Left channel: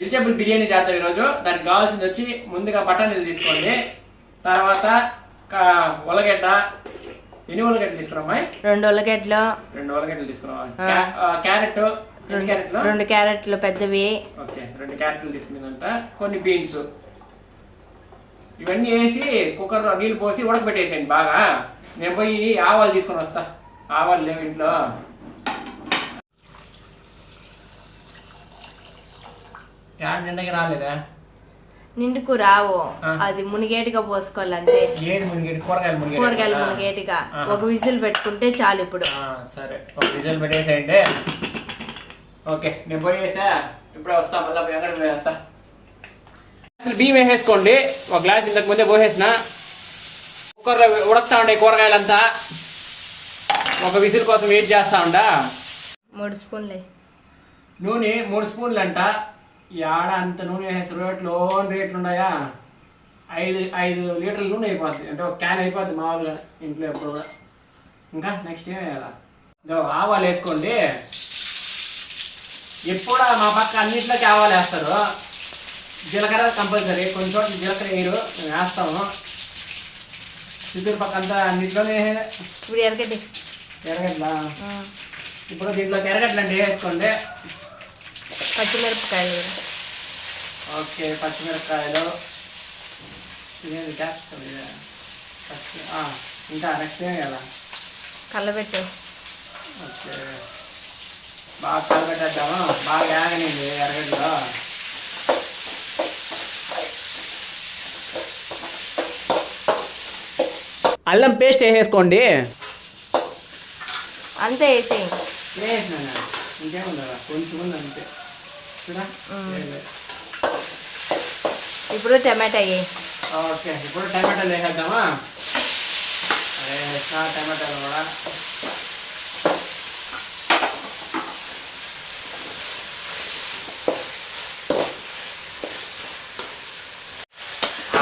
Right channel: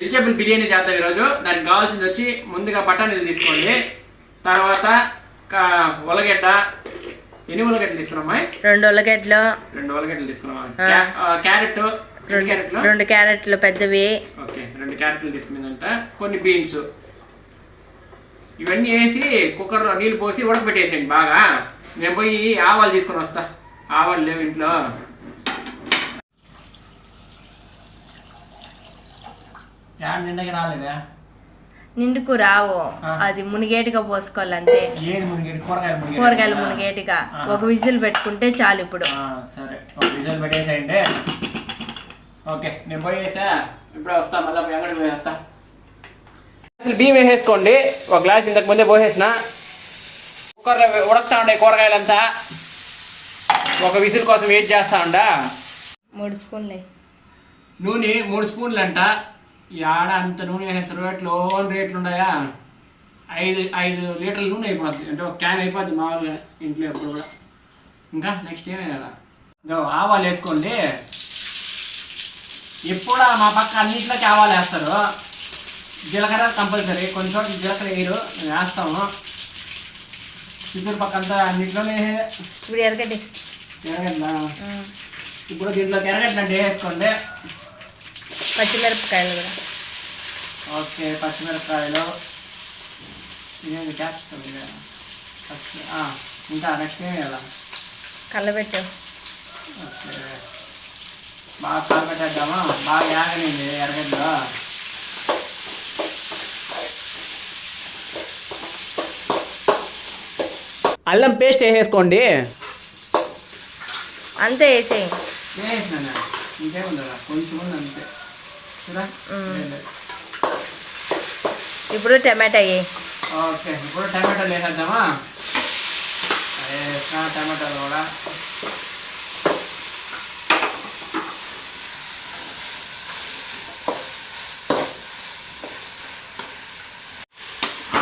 Vegetable biryani చేద్దాం ఈరోజు. దానికి కావాల్సింది వచ్చి ముందుగా బఠానీలు తీసుకోండి, తర్వాత ఉల్లగడ్డ. ఎన్ని ఉల్లగడ్డలు తీసుకున్నామా? 2 ఉల్లగడ్డలు. 2 ఉల్లగడ్డలు తీసుకున్నాం. క్యారెట్ 2 క్యారెట్లు పెద్దవి. ఓకే, 2 క్యారెట్లు తీసుకున్నదంట. కొన్ని బీన్స్ ఇవన్నీ వేసి కుక్కర్లో నీళ్ళు పోసి ఉడకబెట్టేసేయండి బాగా. నేను పోయి ఆవాలు తీసుకొని వస్తా. ఆవాలు లేవు ఇంట్లో. నిండకి రాలేదా? నిండుకు రావు, అది మునిగేటిగా పోసుకోవాలి అంతే. కూరగాయలు మునిగేటిగా ఒక విజిల్ పెట్టుకుంటే చాలు. ఇప్పుడు సరే, ఒక విజిల్ పెట్టేసేయండి. ఓకే, నేను పోయేసా. ఇప్పుడు వస్తా, మళ్ళీ ఎక్కడికి పోయేస్తా. బియ్యం వేసేసుకోండి. ఒక గ్లాస్ ఇంతకు ముందే పోసేసిన. కుక్కర్లో ఉడకతా ఉండే కూరగాయలంతా. ఒక విజిల్ కోసం వెయిట్ చేస్తా ఉండా. 3 స్పూన్లు నూనె. 3 స్పూన్లు అంట. ఈ ఆడ అంత నూనె వేసేస్తారు. రేట్లు ఉన్నాయా? 5 లీటర్ల నూనె అయిపోద్ది. అంటే ఒక క్యాన్ అయిపోద్ది మామూలుగా ఇంట్లో ఎప్పుడు కూడా. ఇంకా నెక్స్ట్ ఏం వేయాలా? ఆవాలు వేసుకోండి. ఎప్పుడు మా పక్క అన్నింటిలోకి ఆవాలు వేస్తారు. జీలకర్ర కంపల్సరీ. కొన్ని చోట్ల జీలకర్ర వేయరు, మేము వేస్తాము. చిత్తూరు పక్క అంతా అన్నింటిలోనే. ఇప్పుడు ఎరగడ్డ. ఇప్పుడు దీంట్లో ఎరగడ్డలు అంటే వేసుకోండి. పచ్చిమిరపకాయలు కూడా. ఓకే, పచ్చిమిరపకాయలు. ఇదేంటి చేస్తుంది? ఇంకా నెక్స్ట్ ఏం వేయాలా? కలబెట్టు. ఓకే, బాగా కలబెట్టేద్దామా? బాగా యాగనింది ఎరగడ్డలో. అల్లం పేస్ట్ వేసేసుకోండి. అంతే వేసేయి. వేసినా ఇంకేముందా? కొంచెం ఉంది అంతే. ఇప్పుడు టమాటా వేయి. ఓకే, ఇప్పుడు టమాటాలు వేసేద్దామా? టమాటాలు కూడా.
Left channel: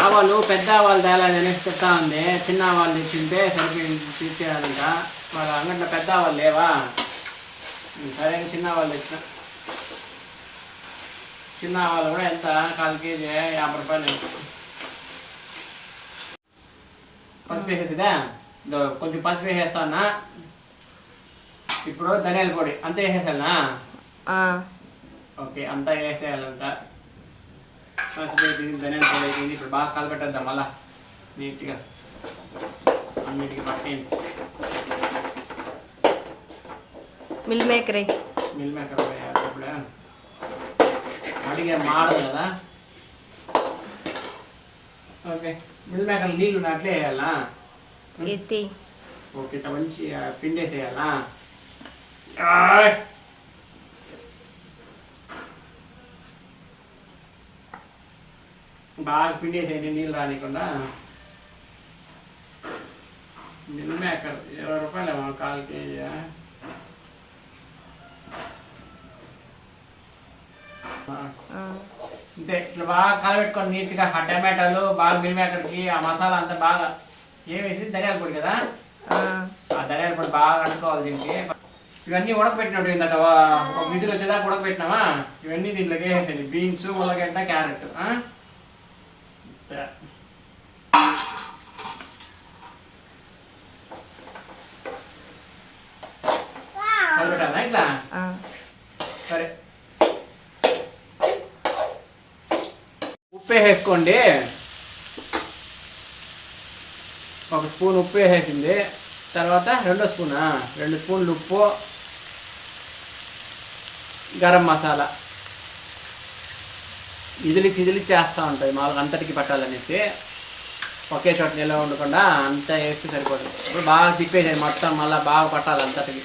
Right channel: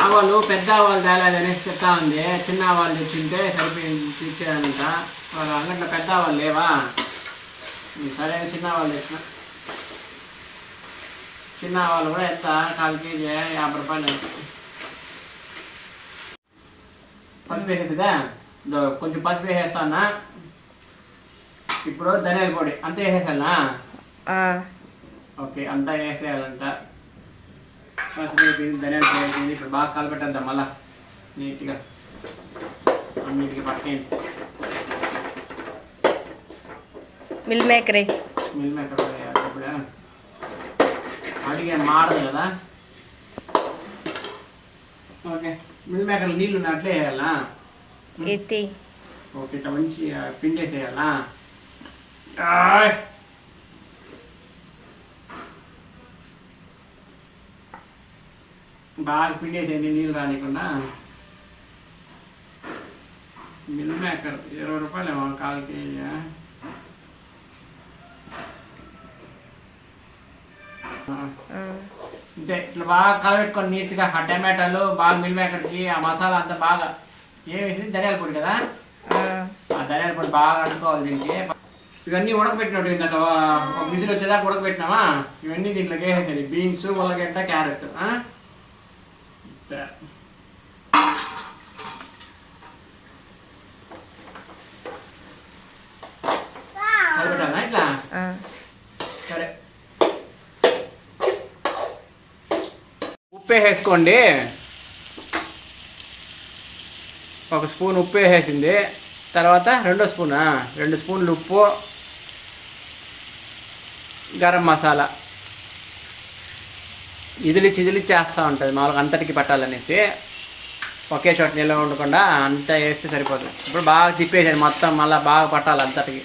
ఆవాలు పెద్ద ఆవాలు తేలేదు అనేసి చెప్తా ఉంది. చిన్న ఆవాలు తెచ్చింటే సరిపోయింది తీర్చేయాలి. వాళ్ళ అంగట్లో పెద్ద ఆవాలు లేవా? సరే, చిన్న ఆవాలు తెచ్చిన. చిన్న ఆవాలు కూడా ఎంత? 1/4 కేజీ 50 రూపాయలు. పసుపు వేసేదా? కొంచెం పసుపు వేసేస్తానా. ఇప్పుడు ధనియాల పొడి అంతా వేసేసానా? ఓకే, అంతా వేసేయాలంట. పసుపు అయిపోయింది, ధనియాల పొడి అయిపోయింది. ఇప్పుడు బాగా కలపెట్టేద్దాం మళ్ళా నీట్గా అన్నిటికి పట్టేయండి. మిల్ మేకర్ ఇప్పుడు అడిగే మాడదు కదా. ఓకే, మిల్ మేకర్ నీళ్ళు అట్లే వేయాలా? ఎత్తి. ఓకే, ఇట్లా మంచి పిండేసేయాలా? బాగా పిండేసేయండి నీళ్ళు రానికుండా. మిల్ మేకర్ 20 రూపాయలు 1/4 కేజీ. అంతే, ఇట్లా బాగా కలబెట్టుకొని నీట్గా. ఆ టమాటాలు బాగా మిల్ మేకర్కి ఆ మసాలా అంతా బాగా ఏమేసి ధనియాల పొడి కదా, ఆ ధనియాల పొడి బాగా అనుకోవాలి దీనికి. ఇవన్నీ ఉడకబెట్టినట్టు ఇందాక ఒక విజిల్ వచ్చేదాకా ఉడకబెట్టినామా? ఇవన్నీ దీంట్లోకి వేసేయండి. బీన్స్, ఉల్లగడ్డ, క్యారెట్. కలిపెట్టాలా ఇట్లా? సరే, ఉప్పు వేసేసుకోండి. 1 స్పూన్ ఉప్పు వేసేసింది. తర్వాత 2 స్పూన్లు ఉప్పు, గరం మసాలా. ఇదిలి చేస్తూ ఉంటుంది మామూలుగా అంతటికి పట్టాలనేసి. ఒకే చోట నిల్వ ఉండకుండా అంతా వేస్తే సరిపోతుంది. ఇప్పుడు బాగా తిప్పేసాను మొత్తం, మళ్ళీ బాగా పట్టాలి అంతటికి.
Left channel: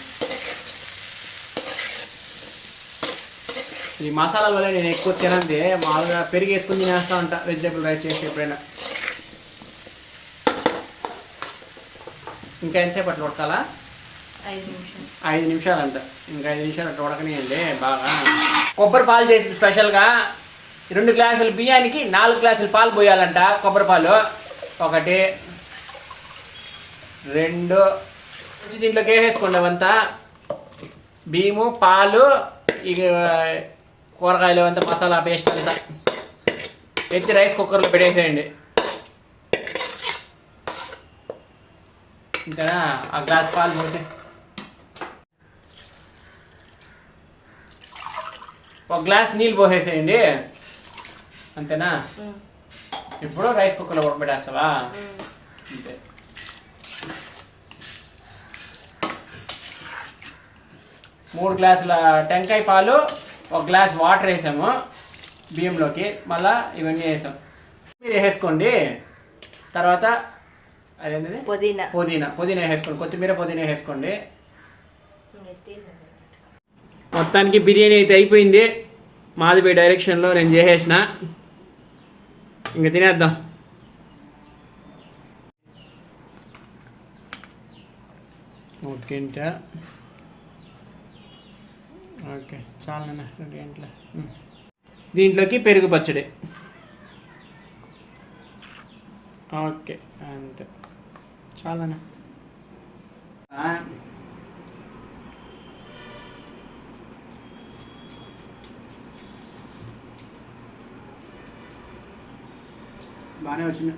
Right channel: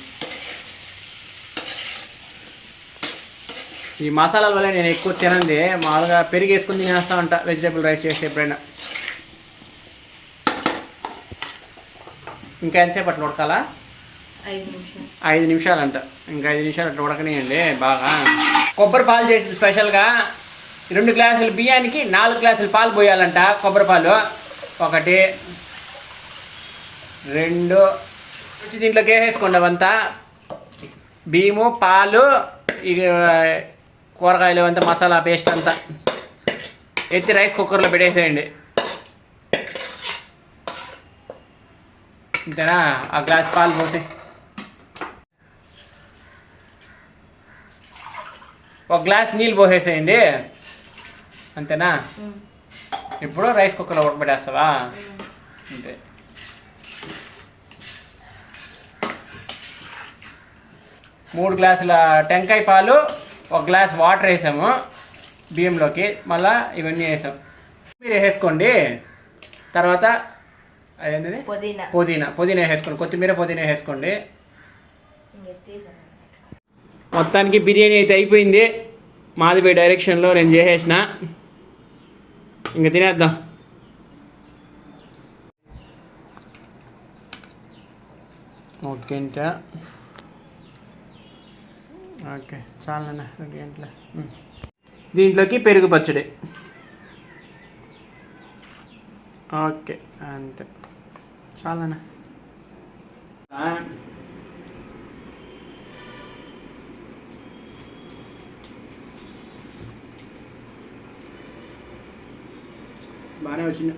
ఈ మసాలాల వల్ల నేను ఎక్కువ తినంది మామూలుగా పెరిగి వేసుకుని తినేస్తూ ఉంటా వెజిటేబుల్ రైస్ చేసి ఎప్పుడైనా. ఇంకా ఎంతసేపు అట్లా ఉడకాలా? 5 నిమిషాలు అంట. ఇంకా 5 నిమిషాలు అట్లా ఉడకనియండి బాగా. కొబ్బరి పాలు చేసింది స్పెషల్గా. 2 గ్లాసుల బియ్యానికి 4 గ్లాసుల పాలు పోయాలంట. కొబ్బరి పాలు 1, 2 దీంట్లోకి వేసేసుకోండి. అవంతా బియ్యము, పాలు, ఇక కూరగాయలు అంతా మసాలా పేస్ట్ అంతా ఎత్తి రైస్ కుక్కర్లో పెట్టేసేయండి. అంతేనా? ఆ గ్లాస్ పాలు పోసి ఒక గ్లాస్ నీళ్ళు పోసేసేయండి. అంతేనా? ఇప్పుడు రైస్ కుక్కర్లో ఉడకబెట్టేస్తావా? అంతే. మూడు గ్లాసుల టెంకాయ పాలు, ఒక గ్లాస్ వాటర్ వేసాము బియ్యంలోకి, మళ్ళీ ఇవన్నీ వేసాం. మీరు వేసుకోండి. తర్వాత అదేంటిది పుదీనా వేసుకోండి, కొత్తిమీర పుదీనా వేసుకోండి. మొత్తానికి బిర్యానీ అయితే అయిపోయింది. మాదిపై డైరెక్షన్లో నేను చేసేసిన. ఇంక తినేద్దాం. ఓకే ఇంకా ఓకే చాలన్నా 2 గంటల. దీంట్లోకి పెరుగు పచ్చడి. ఓకే అంతే చాలన్నా. బాగానే వచ్చింది.